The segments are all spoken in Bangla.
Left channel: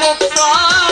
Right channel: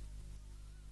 মুক্তা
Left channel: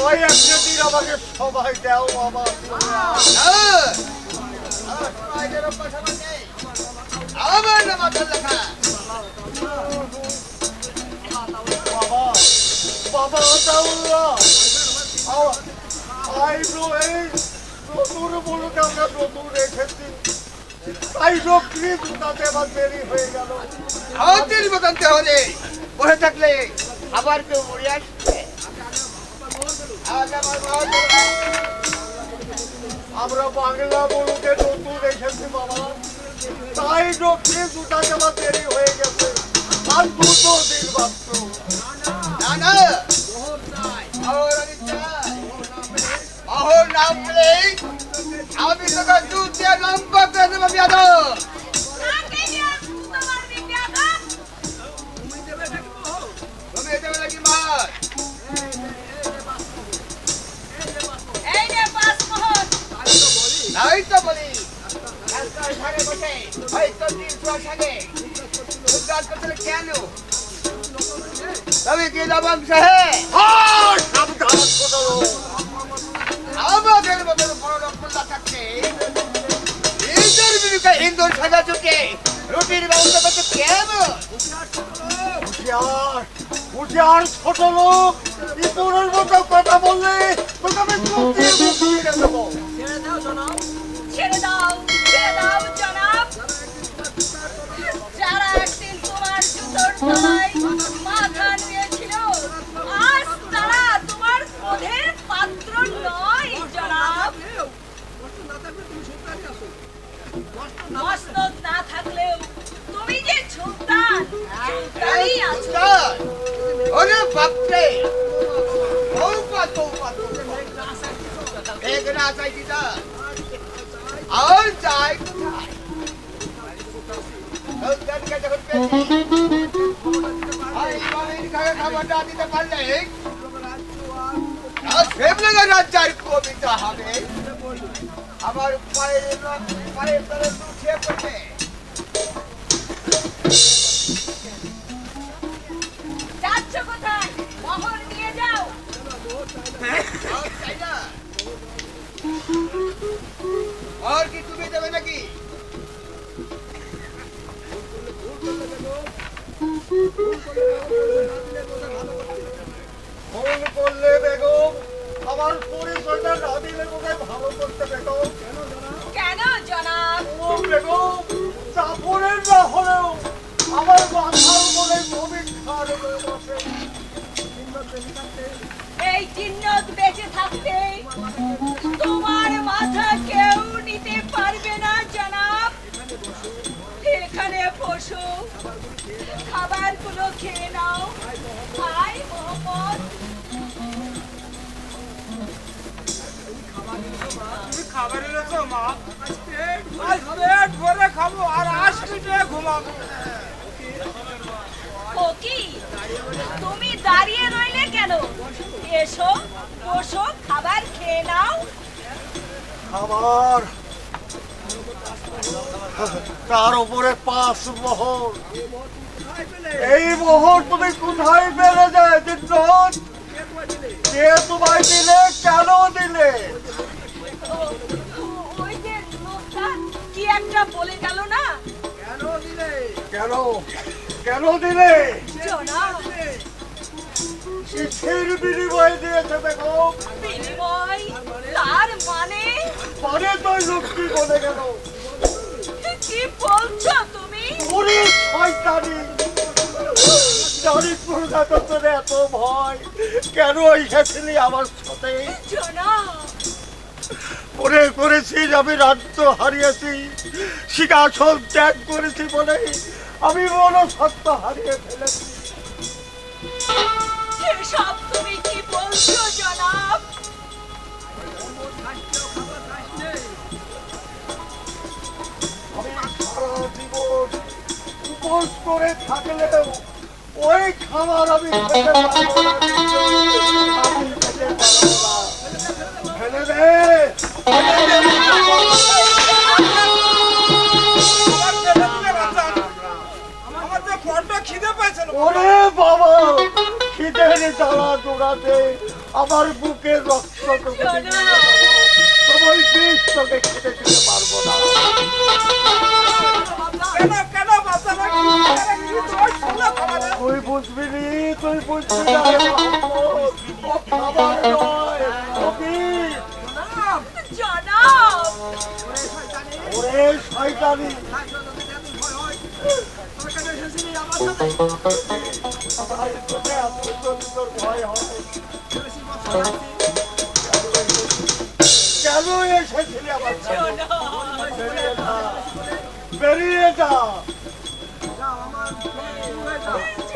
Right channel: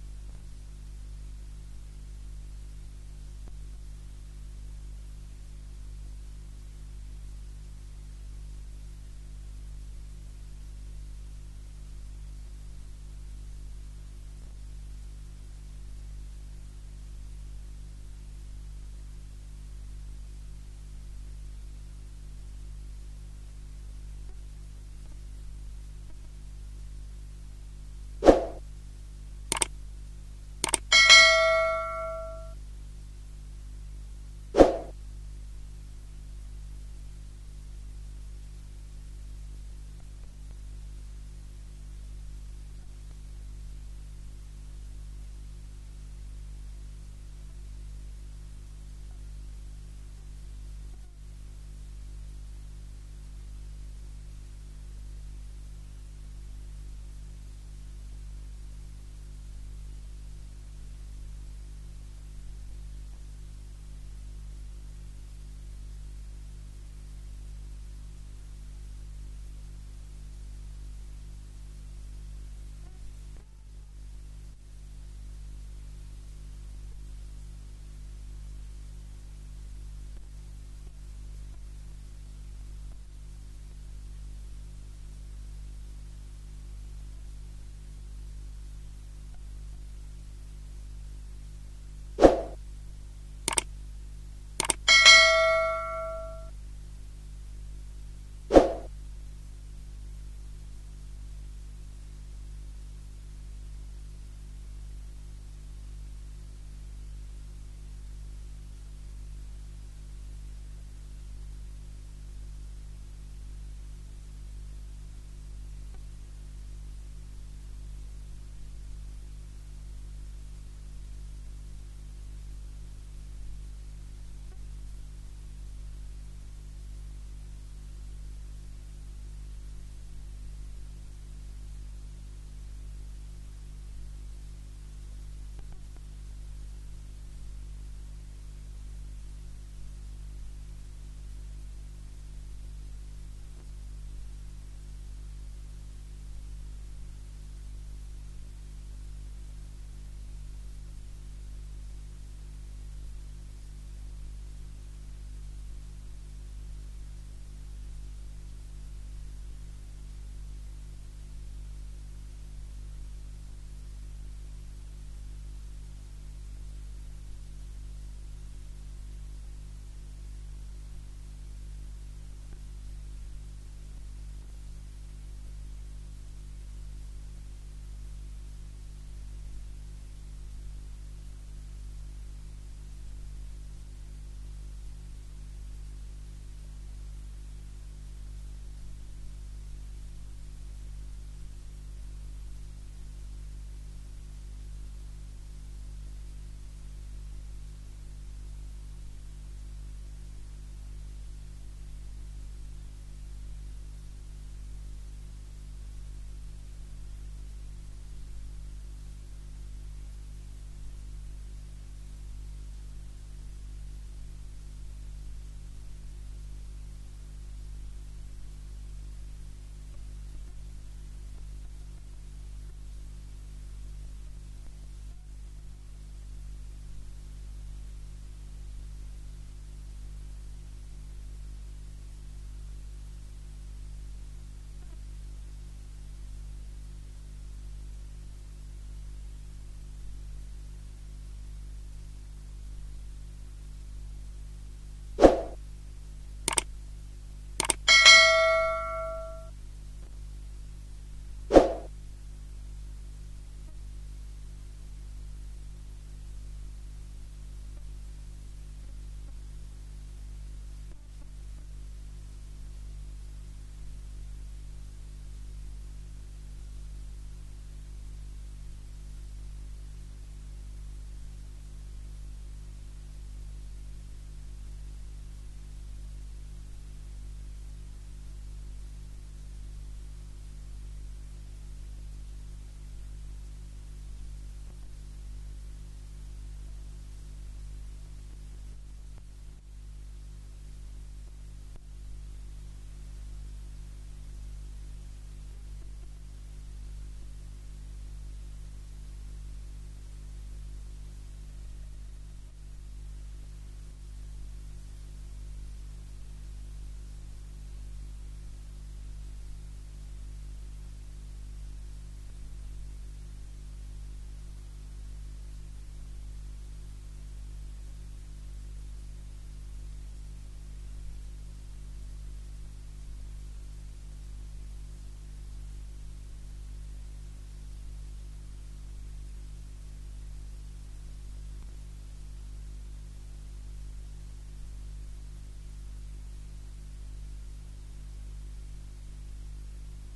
ওই একটা আমাকে সবাই বাবা বাবা বাবা আই ব্রো এই নতুন বলতে আমরা নতুন রেখেছি তাই রক্ষী তাতে আবার দেরি হয়ে গেল আমার দেরি মতন হলে বসে থাকলে আবার কেউ মরিয়াস আমরা বাংলা বলতে নতুন এসেছি বাবা। তাই রক্ষে দুটা জামা হয়ে গেছে। আর দুটো দিন না আমি তোকে দুধ দিয়ে লম্বা সাহেব খাবার তার উপরে পাঁচ মোহর। এই মোহর তুমি কোথায় পেলে যায় দিন কে তোমায় দিলে কেন দিলে? ও- ও- ওই যে লোকটা কি একটা বলে গেল না? কেন কেন? দিলে? কিসের বিনিময়ে দিয়েছে দেখো। বিনিময়? তার মানে পরে তো গেল কি বলছো তুমি? ওরে শয়তানি! জানি প্রজাতন্ত্রের এত ভয়। কেন এসেছিলি আমার সাথে? করে করেছিস আমি রাজ্য হারিয়েছি। সিংহাসন ত্যাগ করেছি বলে আমি মনসত্ব হারিয়ে ফেলেছি। এসব তুমি কি বলছো জনাব? উপোস করে থাকলেও ওই খাবার আমি ফেলে দে। ওরে বাবা খিদের জ্বালা দৌড়াতে আমার বুকের রক্ত। তোমার বিষ তোকে খেতে দিতে পারব না। কেন কেন তুই বুঝবি নি, তুই বুঝবি না। ও খাবার নয় ও বিষ। জনাব ওরে শয়তানি কেন এসেছিলি আমার? বেরিয়ে যা বেরিয়ে যা 走。